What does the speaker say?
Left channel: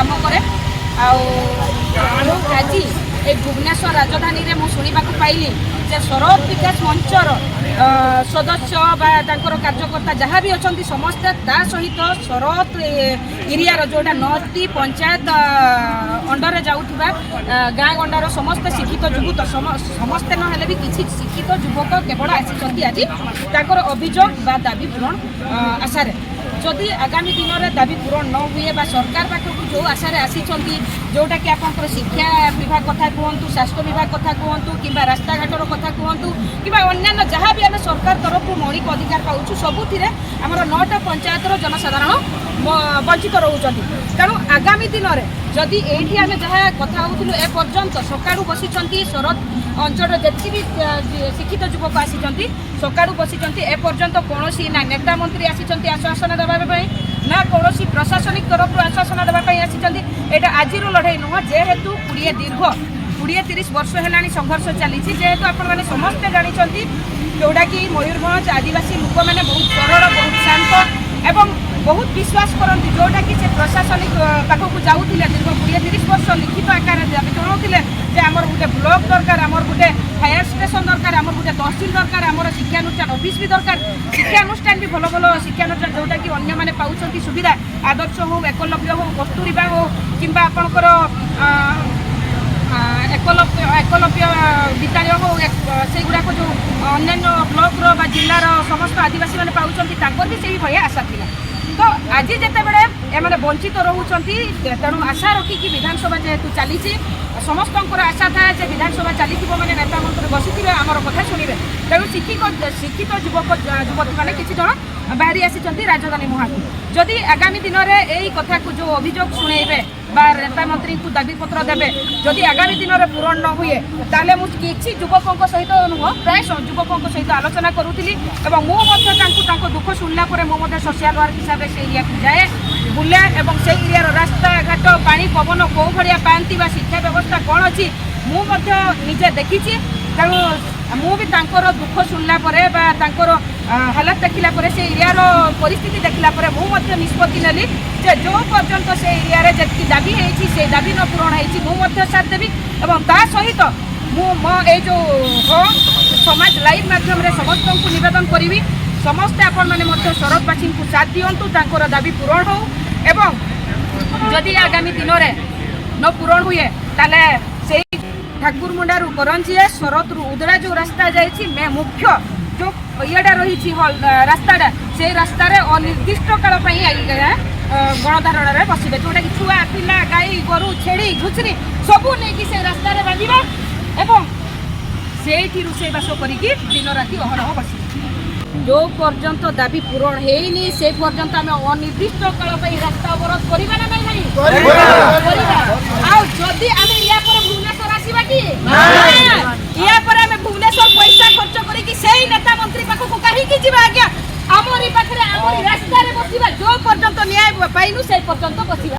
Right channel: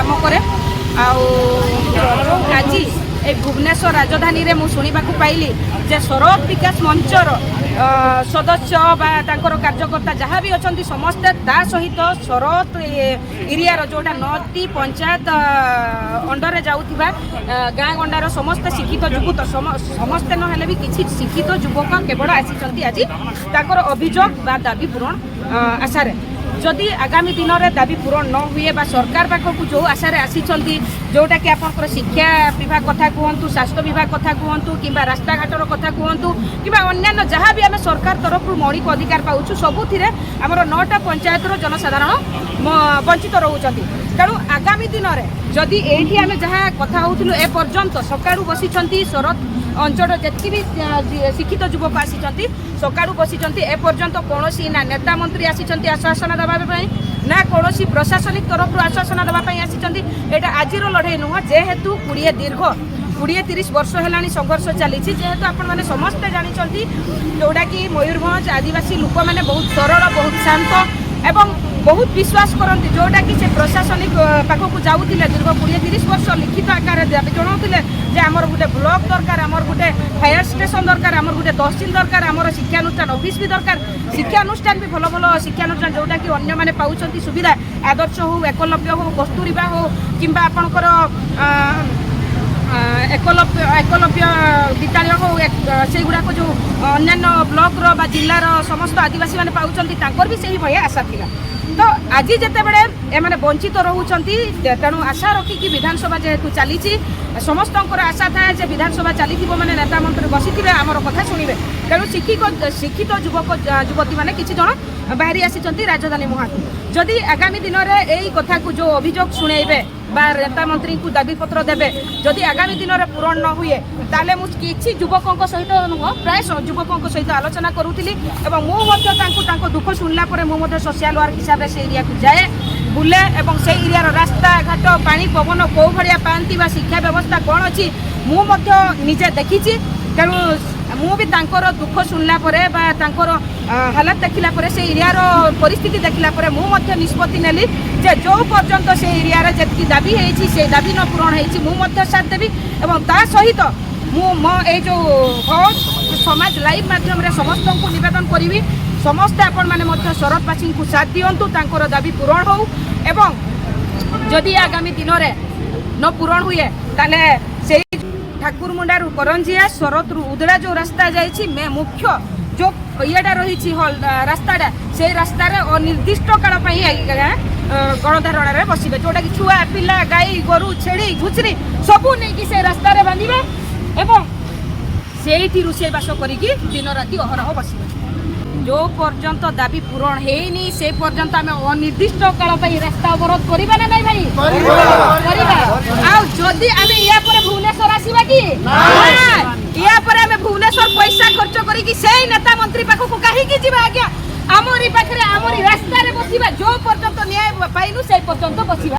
काम करे आज ए भुवनेश्वर राजधानी रे मु सुनिबा पाइली जे शरद विकास मंचर सदस्य बा तांकर कार्यकर्ता जहाँ भी अच्छा समस्ते ता सहित शरद एरिया जोटा 9टी पंचायत अंडर जाऊथिबा गाँ गंडार समस्त शिक्षित युवक समस्ते नहेले भी किछि शिक्षित युवक केवल आसी आज तांकर अभियोग बा दाबी पूरण आशारे जदि आगामी दिन में दाबी पूरण न हुए बा सरकार पाखक जो आशारे आसी जोटा कि आप शिक्षा विभाग कथा कहतु स्वास्थ्य विभाग कथा कहतु कि रास्ता घाटर कथा कहतु कि अन्य जहाँ भी आम सरकार तरफ मौलिक अधिकार पाऊँ सबुथिरे आमर 9टा पंचायतर जनसाधारण वंचित रोचती तेणु आगामी दिन में जदि एठी आम जहाँ कथा होलु एपर्यंत सकाळू बसी शरद अंचल जी भी शिक्षित युवक आसी सकाळू बसी एपर्यंत कौन ना नेता मंत्री आसी आश्वासन देवाई ना कौन प्रशासनिक तरफ आश्वासन देवाई आसी यहाँ आज लड़ाई नुह जेहेतु 20-30 वर्ष है संघर्ष चली जेहेतु आपने समस्ते जानते जोटा कि मयूरभंज आदिवासी लोक मैंने बहुत सरल बहुत शांत एवं बहुत विश्वास करती जोटा कि से प्रशासनिक पाखक जाऊे दीर्घ 20-30 वर्ष लिखित आकार जनाऊे आमर गोटे ब्लॉक दरकार आमर गोटे फायर स्टेशन दरकार आमर गोटे तहसिल दरकार आमर शिक्षानुष्ठान ऑफिस भी दरकार शिक्षानुष्ठान भी भल भल शिक्षानुष्ठान जोटा कि अन्य मैंने पाँच सुविधा आदर्श हो एकलव्य हो कस्तूरबा हो कि आपणकर एकलव्य विद्यालय हो से गुड़ाक जो अन्य ब्लॉक रो जिलार समस्त आदिवासी मैंने पाँच भी से भाई आशा था तो आज जिते बड़े एमाने वंचित रोचंती तेणु आशा रखिकी विधानसभा जेहेतु चली समस्त आशा थाए जे विधानसभा चली मैंने नेता मंत्री बसी आमर कथा शुणे तेणु शिक्षित युवक युवती मैंने किसी जन बाहरी आसी राजधानी मुहां जदि आगामी दिन में यही कथा को जो अभियोग शुणेबे बा नेता मंत्री को दाबी पत्र देवे जदि आगामी दिन में पूरण न हुए ताले मु किसी युवकों सहित नुह प्राय युवकों सहित आलोचना करूली मुझे दुख शुणला सोशल वर्क हिसाब से एरिया को जाए बुले और से एरिया रास्ता घाट पानी पवन कौ भाया पाती शिक्षा व्यवस्था कौन अच्छी मुझे देखी तेणु मु भी दुख शुणला हालात देखला से एरिया परिस्थिति देखला मुझे निष्पत्ति नेली जे जो पर्यंत से एरिया जी दाबी है दाबी न पूरण हो साथ देवी और ता सहित मो जो समाज लाइव माध्यम समस्त को निवेदन करी समस्ते आपण मैंने शरदवासी को साथ दिंतु दाबी पूरण हो एवं जदि आगामी दिन में न पूरण हुए ताले से ठाकुरमुंडारू करंजिया शरद उदड़ा जो रास्ता जाइए मुख्य जो येटा रही रास्ताटा से रास्तार अनिर्दिष्ट काल गणधारण में बसवे जोटा कि छुआ पिला गाई गोरु छेड़ी घुचरी सबू नहीं से रास्तार बांधे एवं से रोषेईबास करके दिन राति अहरह बसवे जो पर्यंत दाबी पूरण है से पर्यंत आम अनिर्दिष्ट काल रास्ता अवरोध करवा ना नहीं भाई जदि आम या भुवनेश्वर आसवा कि या भुवनेश्वर पैसा खर्च करके नेता मंत्री पाखक कहीं जी आज्ञा आमरी पाखे आमरी रास्तार बसवा जो पर्यंत न्याय पाइनु से पर्यंत बसवा।